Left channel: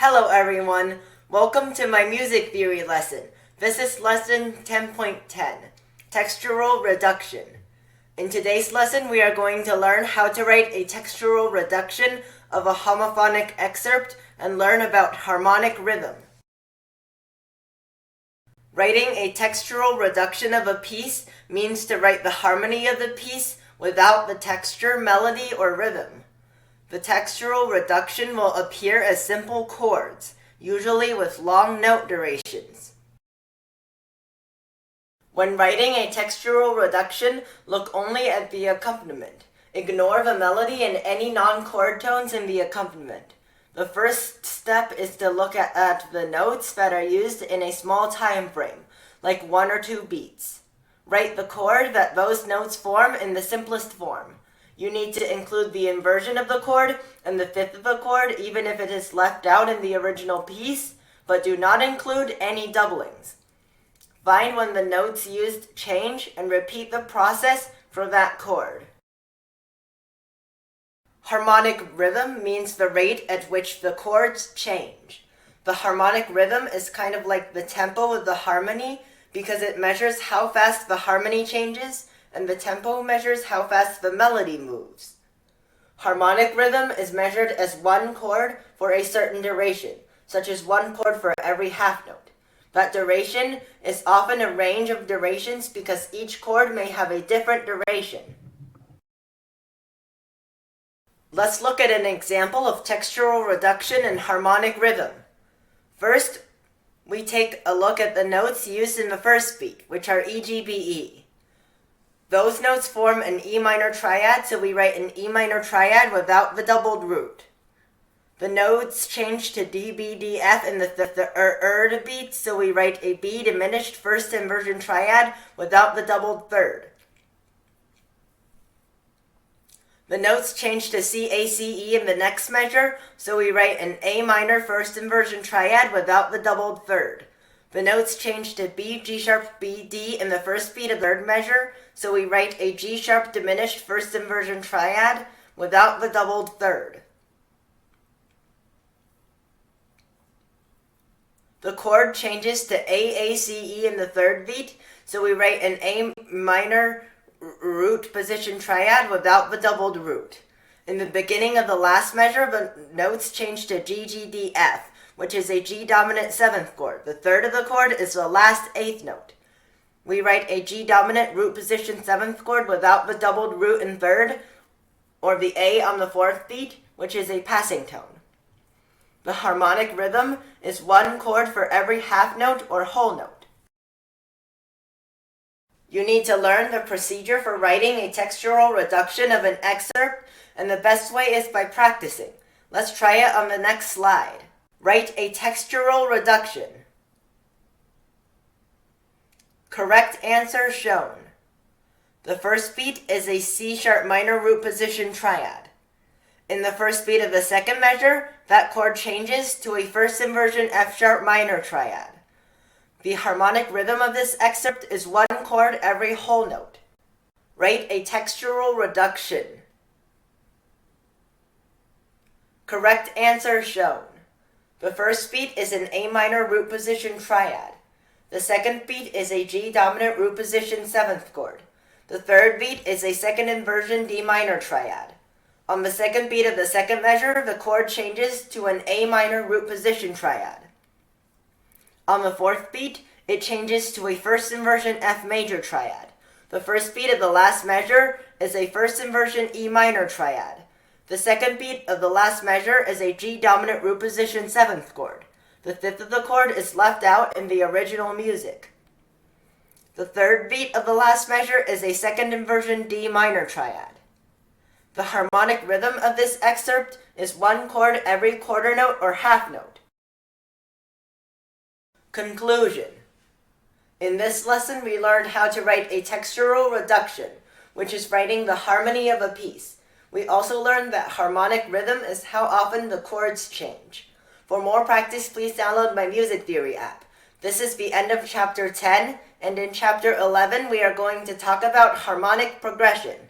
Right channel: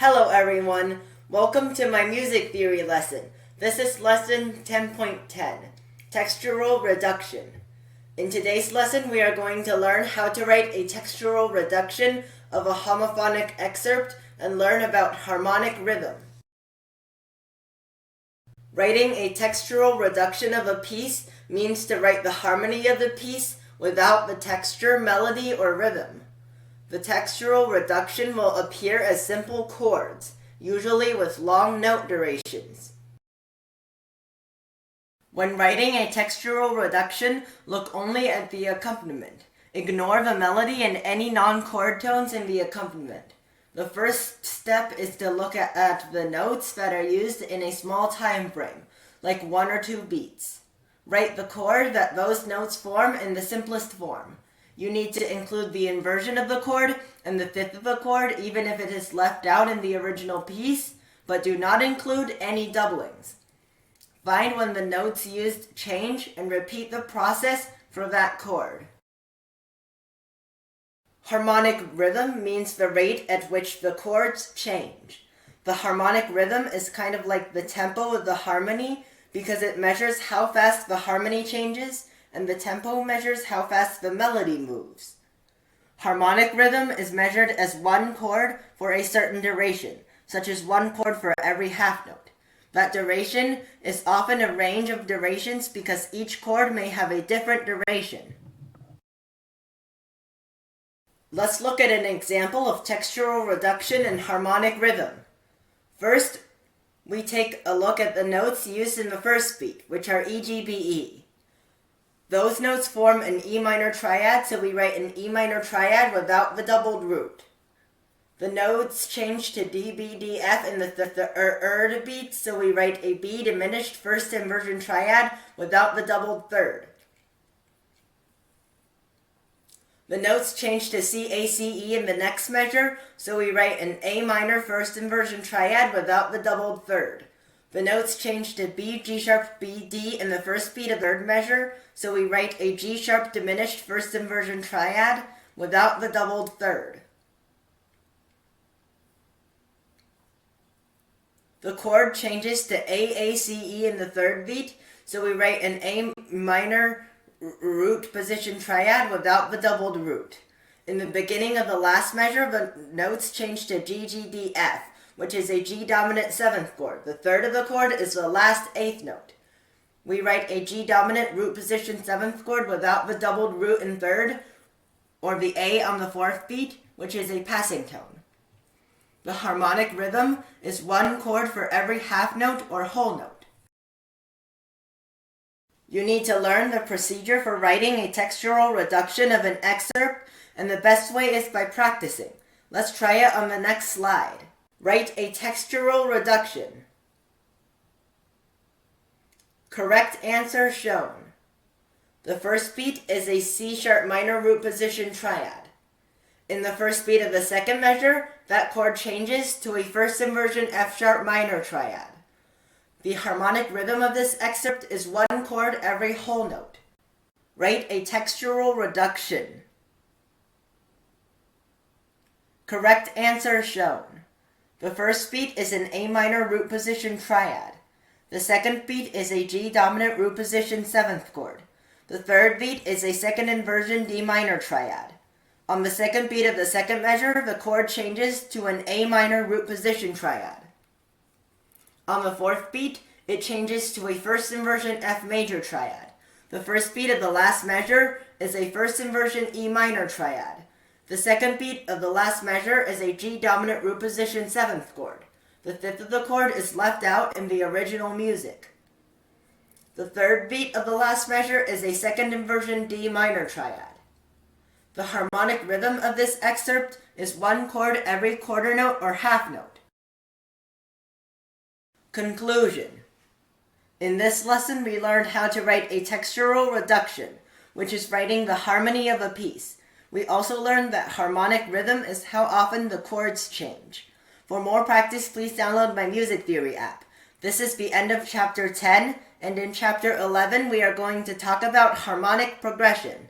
Hello everyone, welcome to my music theory lesson. This is lesson 10.10, Textural Reduction. In today's lesson, we are going to learn how to write a textural reduction of a homophonic excerpt and learn about harmonic rhythm. Writing a textural reduction of a piece means to write the harmony of the piece without the texture, melody, or rhythm. The textural reduction will appear as simple chords, usually with long note durations. When writing a textural reduction, look only at the accompaniment. Ignore the melody and any non-chord tones in the accompaniment. The first step is to look at the notes that are used in a small time frame, like 1 or 2 beats. Write the chord that those notes form in the simplest form. You need to include the inversion of the chord and the fifth of the chord even if it is left out in the original piece, but do not include any doublings. Find when the notes used change and repeat the process for that chord. Harmonic rhythm means the rate at which the chords change. The harmonic rhythm is kind of like the tempo of the harmony because it measures how fast the harmony changes, and the tempo measures how fast the melody moves. Harmonic rhythm is measured as one chord for a certain duration, such as one chord for every half note. That duration is often a range of durations because each chord may have a different duration. Let's look at an example of textural reduction and harmonic rhythm. First, we take a look at the notes used in the first beat, which are E, G, B, E. Those notes form an E minor triad, so we write an E minor triad without the doubled root. The notes change to D, B, D, F in the beat, so we write a B diminished first inversion triad without the doubled third. The notes change to C, A, C, E in the next measure, so we write an A minor first inversion triad without the doubled third. The notes change to B, G sharp, B, D in the first beat of the third measure, so we write a G sharp diminished first inversion triad without the doubled third. The chord changes to A, C, E in the third beat, so we write an A minor root position triad without the doubled root. In the beginning of the last measure, the notes change to G, G, D, F, which is a G dominant 7th chord. The third of the chord is the last 8th note. We write a G dominant root position 7th chord without the doubled root in third, or the A on the 4th beat, which is a passing tone. The harmonic rhythm is one chord for every half note or whole note. You need to learn the procedure for writing a textural reduction of an excerpt, and the best way is by practicing. Let's try it on the next slide. Write a textural reduction. Correct answer shown. The first beat is a C sharp minor root position triad. In the first beat of the second measure, that chord changes to a first inversion F sharp minor triad. The harmonic rhythm of this excerpt is one chord every whole note. Write a textural reduction. Correct answer shown. The first beat is an A minor root position triad. The second beat is a G dominant root position 7th chord. The third beat is a second inversion D minor triad. On the second beat of the second measure, the chord changes to an A minor root position triad. On the fourth beat, it changes to a first inversion F major triad. The first beat of the last measure is a first inversion E minor triad. The second beat of the last measure is a G dominant root position 7th chord. The fifth of the chord is left out in the original music. The third beat of the last measure is a second inversion D minor triad. The harmonic rhythm of this excerpt is one chord every quarter note or half note. Conclusion. In this lesson, we learned how to write a textural reduction, which is writing the harmony of a piece. We also learned that harmonic rhythm is how often the chords change. For more practice, please download my music theory app. This is the end of chapter 10, and in chapter 11, we are going to talk about harmonic progression.